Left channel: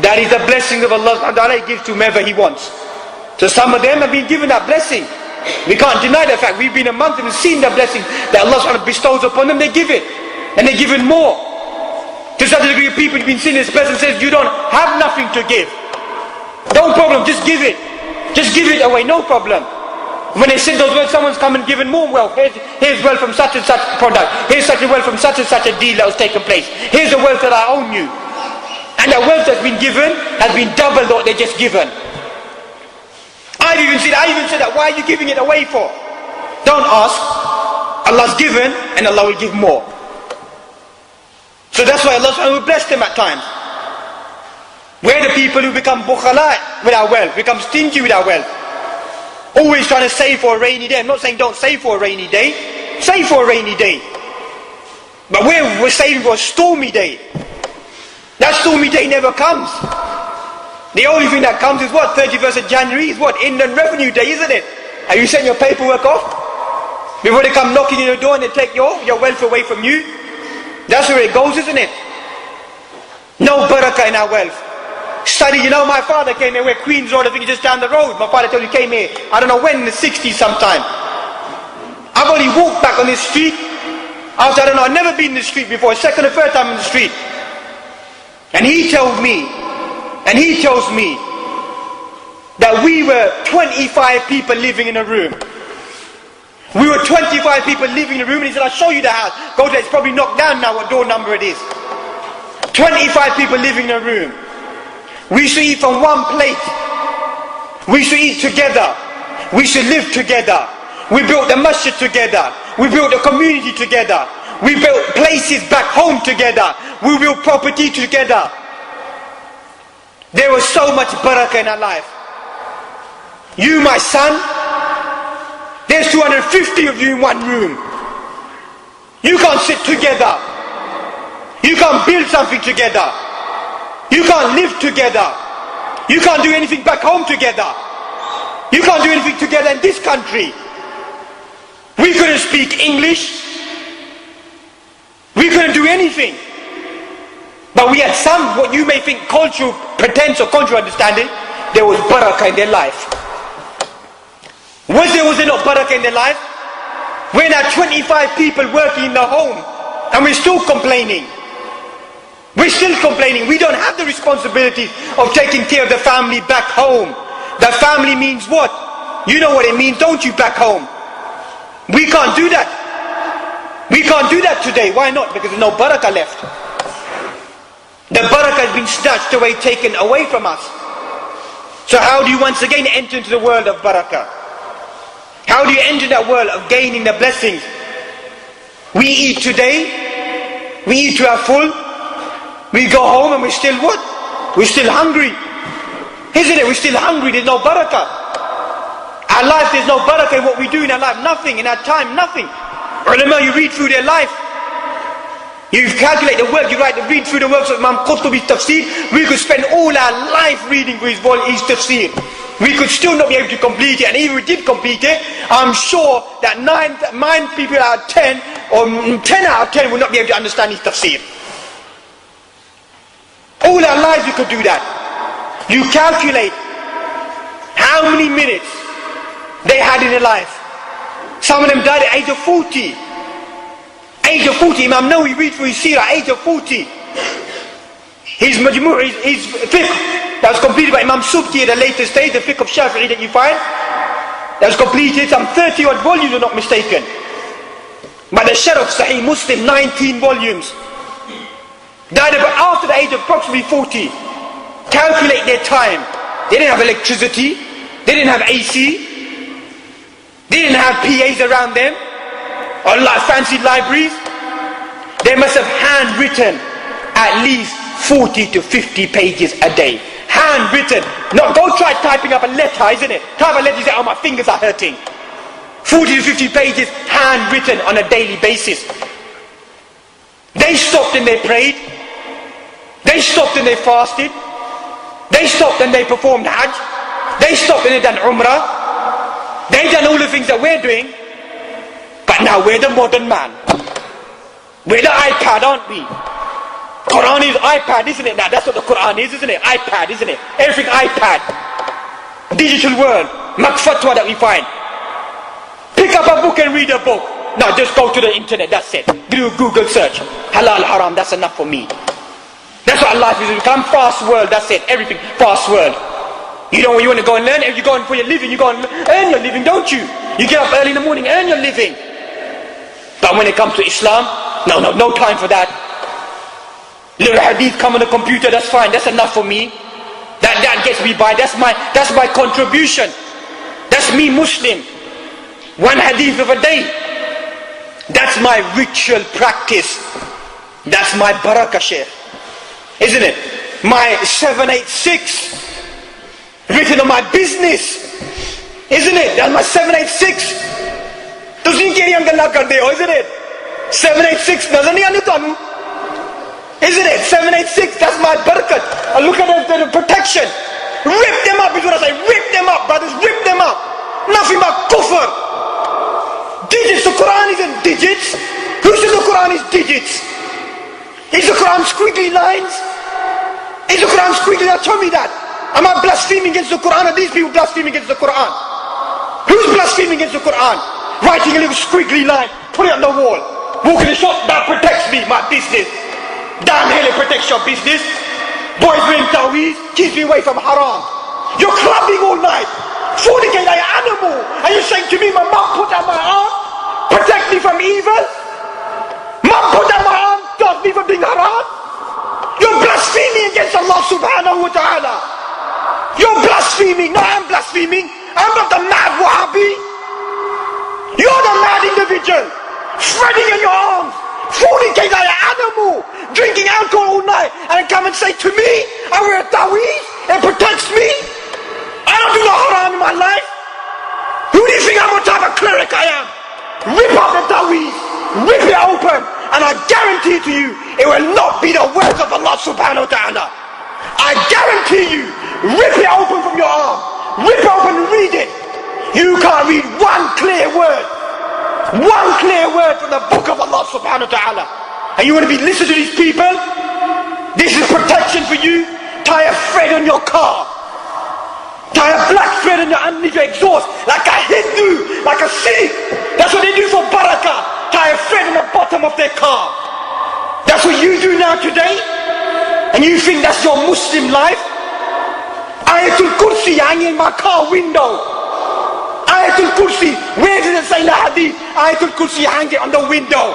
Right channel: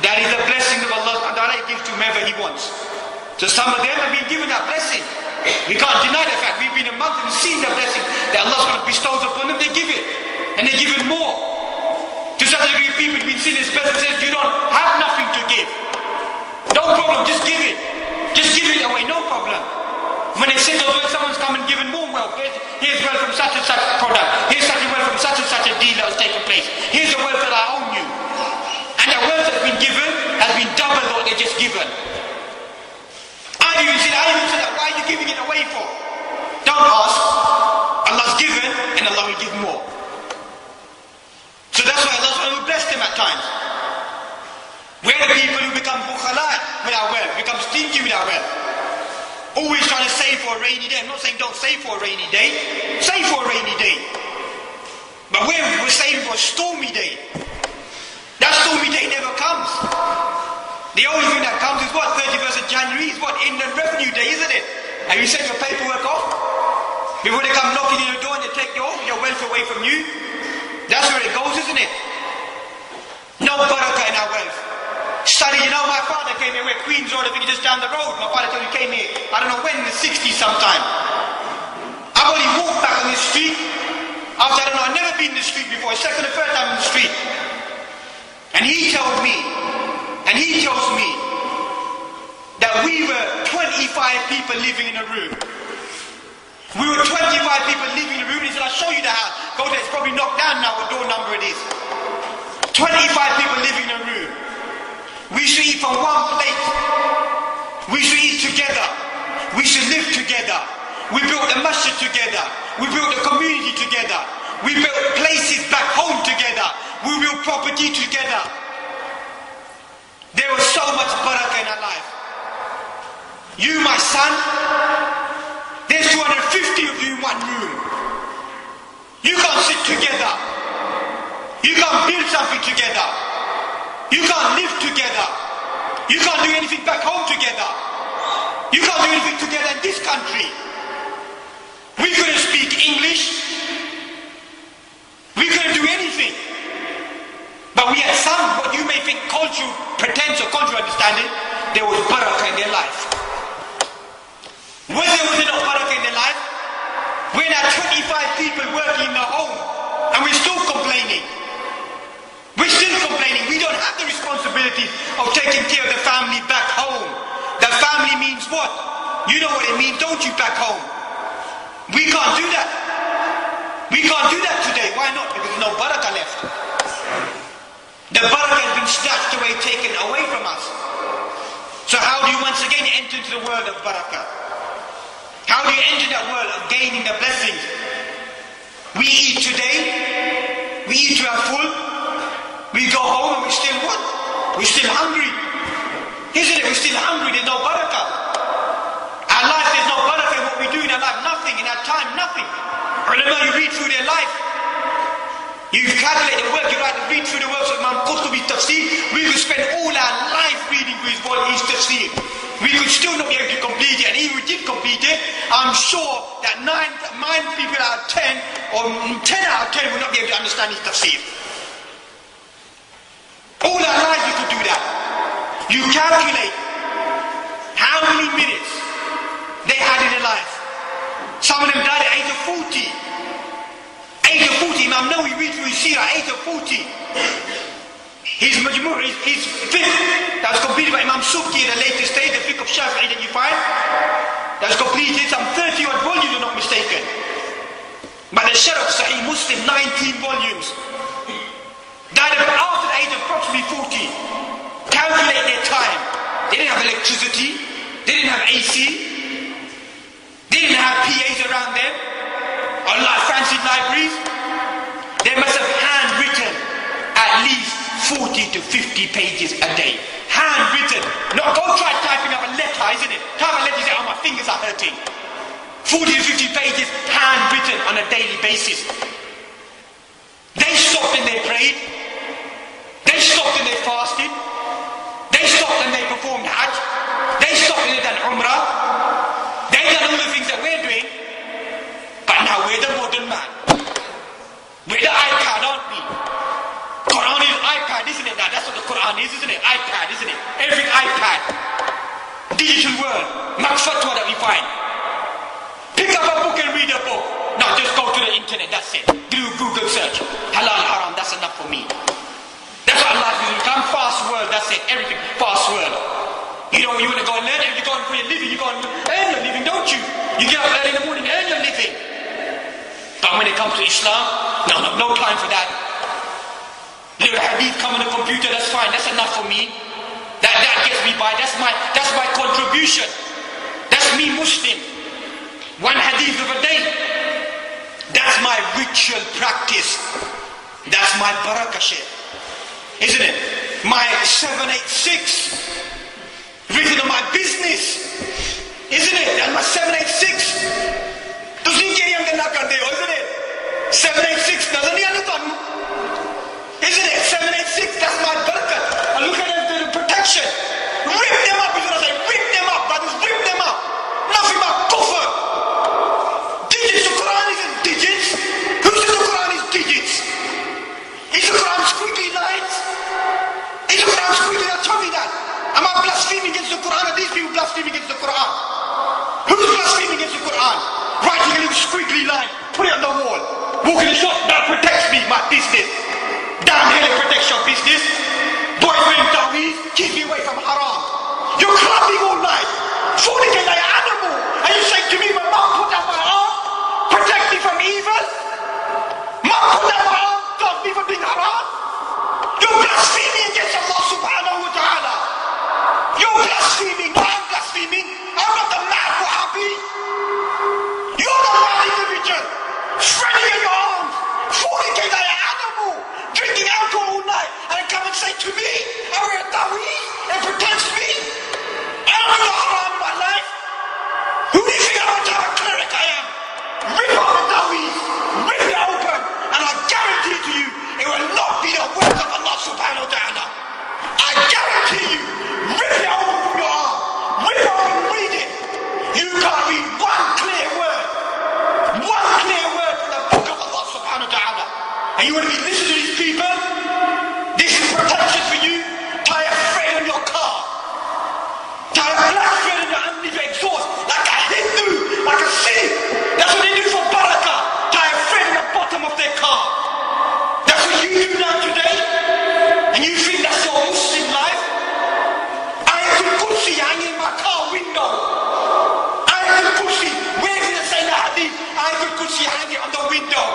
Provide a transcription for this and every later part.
That is the blessing of Allah subhanahu wa ta'ala. He gives to whomever He wants. So some of them have been given that blessing. We can't deny the fact. We've been amongst them and seen the blessing that Allah subhanahu wa ta'ala bestows upon them. They give it. And they give it more. To such a degree of people who've been seen, this person says, you don't have nothing to give. No problem, just give it. Just give it away, no problem. When they say those words, someone's come and given more wealth. Here's wealth from such and such product. Here's such a wealth from such and such a deal that was taken place. Here's the wealth that I own you. And the wealth that's been given has been double what they just given. I even said that, why are you giving it away for? Don't ask. Allah's given and Allah will give more. So that's why Allah will bless them at times. We're the people who become bukhala with our wealth, become stingy with our wealth. Always trying to save for a rainy day. I'm not saying don't save for a rainy day. Save for a rainy day. But we're saving for a stormy day. That stormy day never comes. The only thing that comes is what? 31st of January is what? Inland Revenue Day, isn't it? Have you sent your paperwork off? Before they come knocking on your door and they take your wealth away from you? That's where it goes, isn't it? No barakah in our wealth. Study, my father came here, where Queen's Road, I think just down the road. My father told me he came here, I don't know when, in the 60s sometime. I've only walked back on this street after, I've never been in this street before, second or third time in the street. And he tells me that we were 25 people living in a room. We were 25 people living in a room, and he said, I'll show you the house. Go there, it's probably knocked down now, what door number it is. 25 people living in a room. We should eat from one plate. We should eat together. We should live together. We built the masjid together. We built the community together. We built places back home together. We built property together. There was so much barakah in our life. You, my son, there's 250 of you in one room. You can't sit together. You can't build something together. You can't live together. You can't do anything back home together. You can't do anything together in this country. We couldn't speak English. We couldn't do anything. But we had some, what you may think cultural pretense or cultural understanding. There was barakah in their life. Was there not barakah in their life? We're now 25 people working in the home and we're still complaining. We're still complaining. We don't have the responsibility of taking care of the family back home. The family means what? You know what it means, don't you, back home? We can't do that. We can't do that today. Why not? Because there's no barakah left. The barakah has been snatched away, taken away from us. So how do you once again enter into the world of barakah? How do you enter that world of gaining the blessings? We eat today, we eat to our full, we go home and we're still what? We're still hungry. Isn't it? We're still hungry, there's no barakah. Our life, there's no barakah in what we do in our life, nothing. In our time, nothing. Ulama, you read through their life. You calculate the work, read through the works of Imam Qurtubi's tafsir. We could spend all our life reading through his tafsir. We could still not be able to complete it, and even if we did complete it, I'm sure that 9 people out of 10, or 10 out of 10 will not be able to understand his tafsir. All our lives we could do that. You calculate how many minutes they had in their life. Some of them died at age of 40. Age of 40, Imam Nawawi read through his seerah, age of 40. His majmu', his fiqh, that was completed by Imam Subki at a later stage, the fiqh of Shafi'i that you find, that was completed, some 30 odd volumes, if I'm not mistaken. But the Sharh of Sahih Muslim, 19 volumes. Died about after the age of approximately 40. Calculate their time. They didn't have electricity, they didn't have AC, they didn't have PAs around them, or fancy libraries. They must have handwritten at least 40 to 50 pages a day. Handwritten. Not go try typing up a letter, isn't it? Type a letter, you say, oh, my fingers are hurting. 40 to 50 pages handwritten on a daily basis. They stopped and they prayed. They stopped and they fasted. They stopped and they performed Hajj. They stopped and they done Umrah. They done all the things that we're doing. But now we're the modern man. We're the iPad, aren't we? Quran is iPad, isn't it? Now that's what the Quran is, isn't it? iPad, isn't it? Everything iPad. Digital world. Makfatwa that we find. Pick up a book and read a book. No, just go to the internet, that's it. Do Google search. Halal, haram, that's enough for me. That's what Allah is. Become fast world, that's it. Everything, fast world. You know, when you want to go and learn, if you go for your living, you go and earn your living, don't you? You get up early in the morning, earn your living. But when it comes to Islam, no time for that. Little hadith come on the computer, that's fine, that's enough for me. That gets me by, that's my contribution. That's me Muslim. One hadith of a day. That's my ritual practice. That's my barakah, Shaykh. Isn't it? My 786. Written on my business. Isn't it? That's my 786. ਤੁਸੀਂ ਕਿਹੜੀਆਂ ਗੱਲਾਂ ਕਰਦੇ ਹੋ, isn't it? 786 ਨਜ਼ਰ ਨਹੀਂ ਆਉਂਦੀ ਤੁਹਾਨੂੰ? Isn't it? 786, that's my barakat. And look at the protection. Rip them up is what I say. Rip them up, brothers. Rip them up. Nothing but kufr. Digits. The Quran isn't digits. Who says the Quran is digits? Is the Quran squiggly lines? Is the Quran squiggly lines? Tell me that. Am I blaspheming against the Quran? Or these people blaspheming against the Quran? Who's blaspheming against the Quran? Writing a little squiggly line. Put it on the wall. Walking the shop. That protects me, my business. Damn hell, it protects your business. Boys wearing taweez, keeps me away from haram. You're clubbing all night. Fornicate like an animal. Are you saying to me, my mom put down my arm? Protect me from evil? Mom put down my arm, stop me from being haram? You're blaspheming against Allah subhanahu wa ta'ala. You're blaspheming. No, I'm blaspheming. I'm not the mad Wahhabi. You're the mad individual. Shredding in your arms. Fornicate like an animal. Drinking alcohol all night. And come and say to me, I wear a taweez. It protects me. I don't do no haram in my life. Who do you think I'm what type of cleric I am? Rip up the taweez. Rip it open. And I guarantee to you, it will not be the words of Allah subhanahu wa ta'ala. I guarantee you, rip it open from your arm. Rip it open and read it. You can't read one clear word. One clear word from the book of Allah subhanahu wa ta'ala. And you want to be listening to these people? This is protection for you. Tie a thread on your car. Tie a black thread underneath your exhaust. Like a Hindu, like a Sikh. That's what they do for barakah. Tie a thread on the bottom of their car. That's what you do now today? And you think that's your Muslim life? Ayatul Kursi hanging in my car window. Ayatul Kursi, where does it say in the hadith? Ayatul Kursi hang it on the window.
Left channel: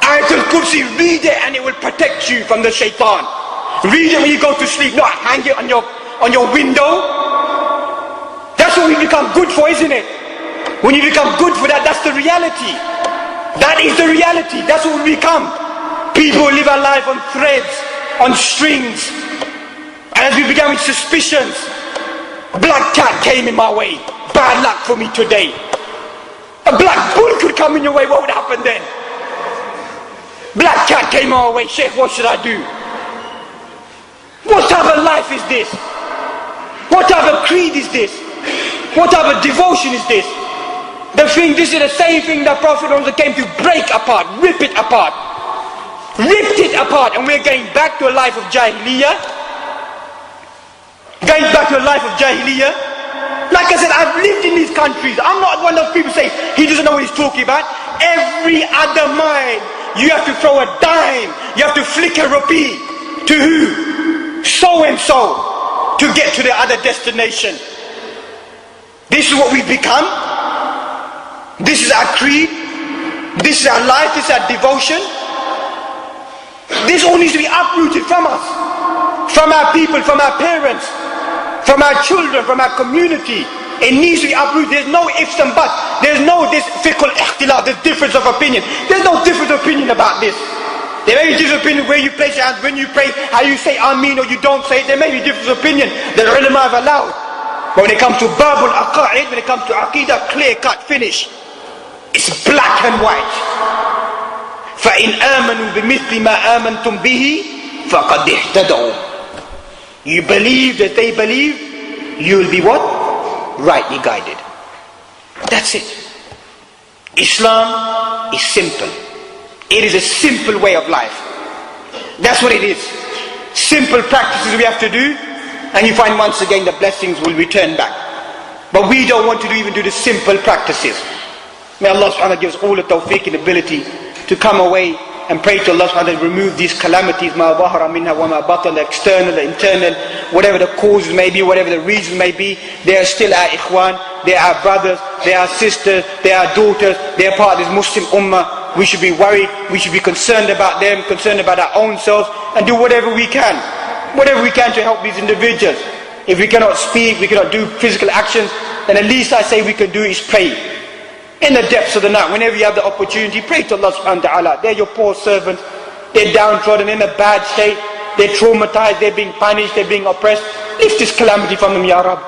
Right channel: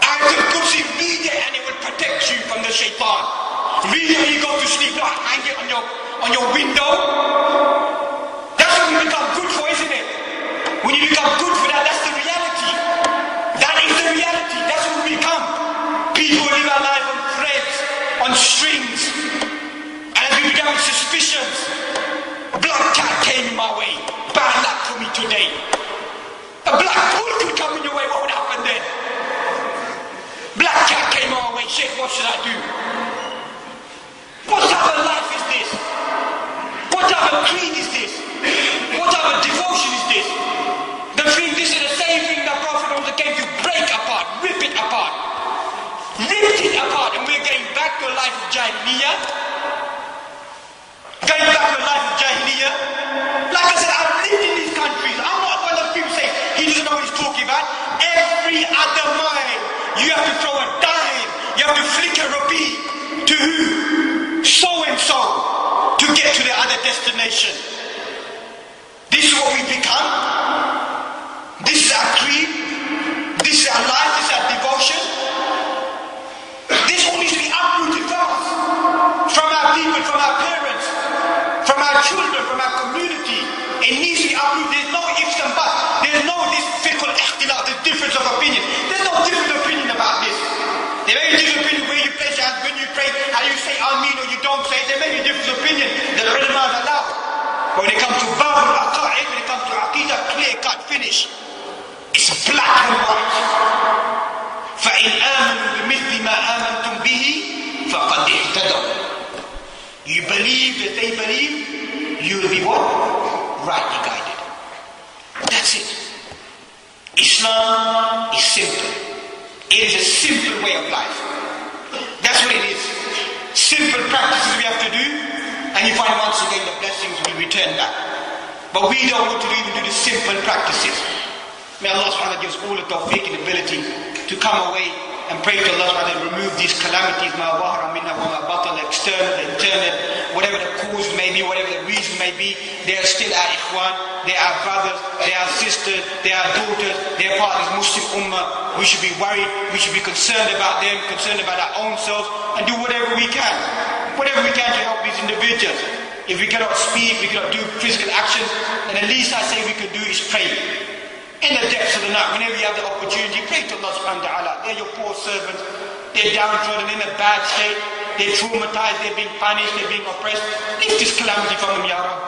Ayatul Kursi, read it and it will protect you from the shaitan. Read it when you go to sleep, not hang it on your window. That's what we become good for, isn't it? When you become good for that, that's the reality. That is the reality. That's what we become. People live our life on threads, on strings. And as we began with suspicions, black cat came in my way. Bad luck for me today. A black bull could come in your way. What would happen then? Black cat came our way. Sheikh, what should I do? What type of life is this? What type of creed is this? What type of devotion is this? This is the same thing that Prophet also came to break apart, rip it apart. Ripped it apart, and we're going back to a life of Jahiliyyah. Going back to a life of Jahiliyyah. Like I said, I've lived in these countries. I'm not one of those people say, he doesn't know what he's talking about. Every other mile, you have to throw a dime. You have to flick a rupee. To who? So and so. To get to the other destination. This is what we've become. This is our creed. This is our life. This is our devotion. This all needs to be uprooted from us. From our people, from our parents. From our children, from our community. It needs to be uprooted. There's no ifs and buts. There's no this fiqh al-ikhtilaf, this difference of opinion. There's no difference of opinion about this. There may be different opinion where you place your hands, when you pray, how you say Ameen or you don't say it. There may be different opinion that the ulama have allowed. But when it comes to babul aqa'id, when it comes to aqidah, clear cut, finish. It's black and white. فَإِنْ آمَنُوا بِمِثْلِ مَا آمَنْتُمْ بِهِ فَقَدْ اهْتَدَوْا. You believe that they believe, you will be what? Rightly guided. That's it. Islam is simple. It is a simple way of life. That's what it is. Simple practices we have to do, and you find once again the blessings will return back. But we don't want to even do the simple practices. May Allah subhanahu wa ta'ala give us all the tawfiq and ability to come away and pray to Allah subhanahu wa ta'ala to remove these calamities, ma zahara minha wa ma batan, the external, the internal, whatever the causes may be, whatever the reasons may be. They are still our ikhwan, they are our brothers, they are our sisters, they are our daughters, they are part of this Muslim ummah. We should be worried, we should be concerned about them, concerned about our own selves, and do whatever we can to help these individuals. If we cannot speak, we cannot do physical actions, then at least I say we can do is pray. In the depths of the night, whenever you have the opportunity, pray to Allah subhanahu wa ta'ala. They're your poor servants, they're downtrodden, in a bad state, they're traumatized, they're being punished, they're being oppressed. Lift this calamity from them, Ya Rab.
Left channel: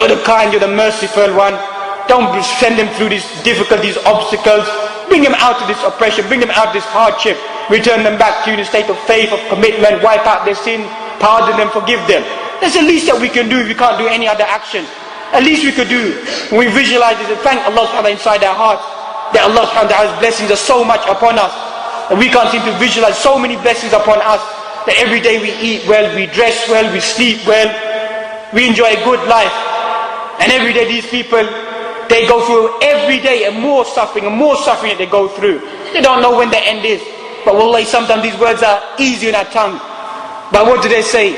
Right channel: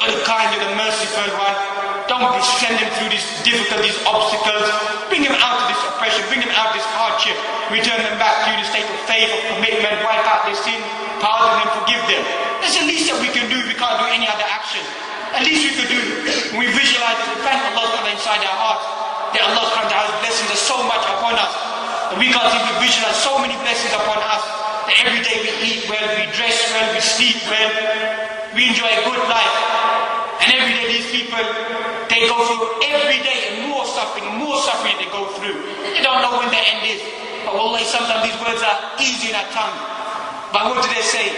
You're the kind, you're the merciful one. Don't send them through these difficulties, obstacles. Bring them out of this oppression, bring them out of this hardship. Return them back to you in a state of faith, of commitment, wipe out their sin, pardon them, forgive them. That's the least that we can do if we can't do any other action. At least we could do, when we visualize this and thank Allah subhanahu wa ta'ala inside our hearts, that Allah subhanahu wa ta'ala's blessings are so much upon us, and we can't seem to visualize so many blessings upon us, that every day we eat well, we dress well, we sleep well, we enjoy a good life. And every day these people, they go through every day and more suffering that they go through. They don't know when the end is. But wallahi, sometimes these words are easy in our tongue. But what do they say?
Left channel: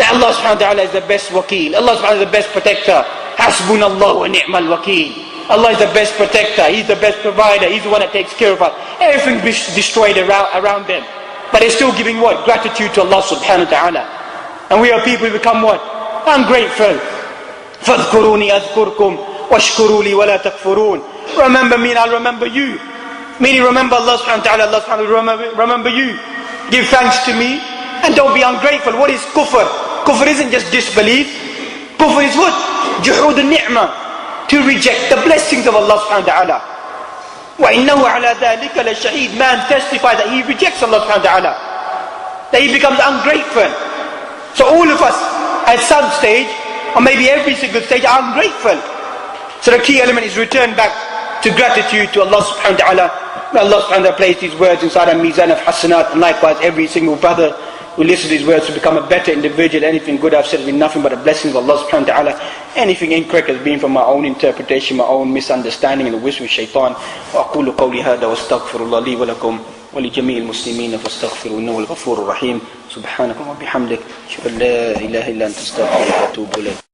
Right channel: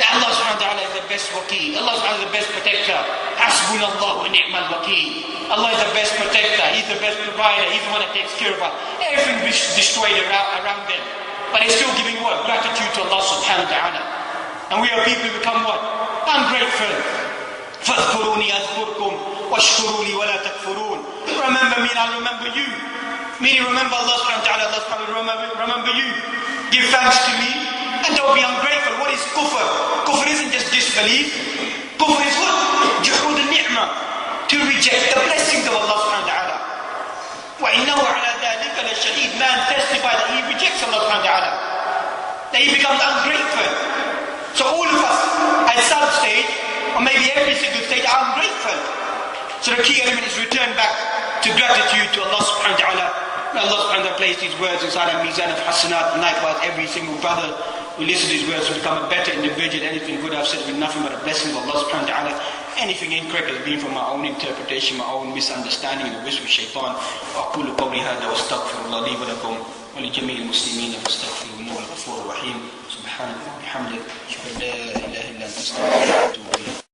That Allah subhanahu wa ta'ala is the best wakeel. Allah subhanahu wa ta'ala is the best protector. Hasbunallah wa ni'mal wakeel. Allah is the best protector. He's the best provider. He's the one that takes care of us. Everything is destroyed around them. But they're still giving what? Gratitude to Allah subhanahu wa ta'ala. And we are people who become what? Ungrateful. فَاذْكُرُونِي أَذْكُرْكُمْ وَاشْكُرُوا لِي وَلَا تَكْفُرُونَ. Remember me and I'll remember you. Meaning remember Allah subhanahu wa ta'ala, Allah subhanahu wa ta'ala remember you. Give thanks to me and don't be ungrateful. What is kufr? Kufr isn't just disbelief. Kufr is what? Juhud al-ni'mah. To reject the blessings of Allah subhanahu wa ta'ala. وَإِنَّهُ عَلَى ذَلِكَ لَشَهِيدٌ. Man testifies that he rejects Allah subhanahu wa ta'ala. That he becomes ungrateful. So all of us at some stage, or maybe every single stage, are ungrateful. So the key element is return back to gratitude to Allah subhanahu wa ta'ala. May Allah subhanahu wa ta'ala place these words inside a mizan of hasanat, and likewise every single brother who listens to these words to become a better individual. Anything good I've said has been nothing but the blessings of Allah subhanahu wa ta'ala. Anything incorrect has been from my own interpretation, my own misunderstanding and the wisdom of shaitan. وأقول قولي هذا واستغفر الله لي ولكم ولجميع المسلمين فاستغفروا إنه الغفور الرحيم. سبحانك وبحمدك أشهد أن لا إله إلا أنت أستغفرك وأتوب إليك.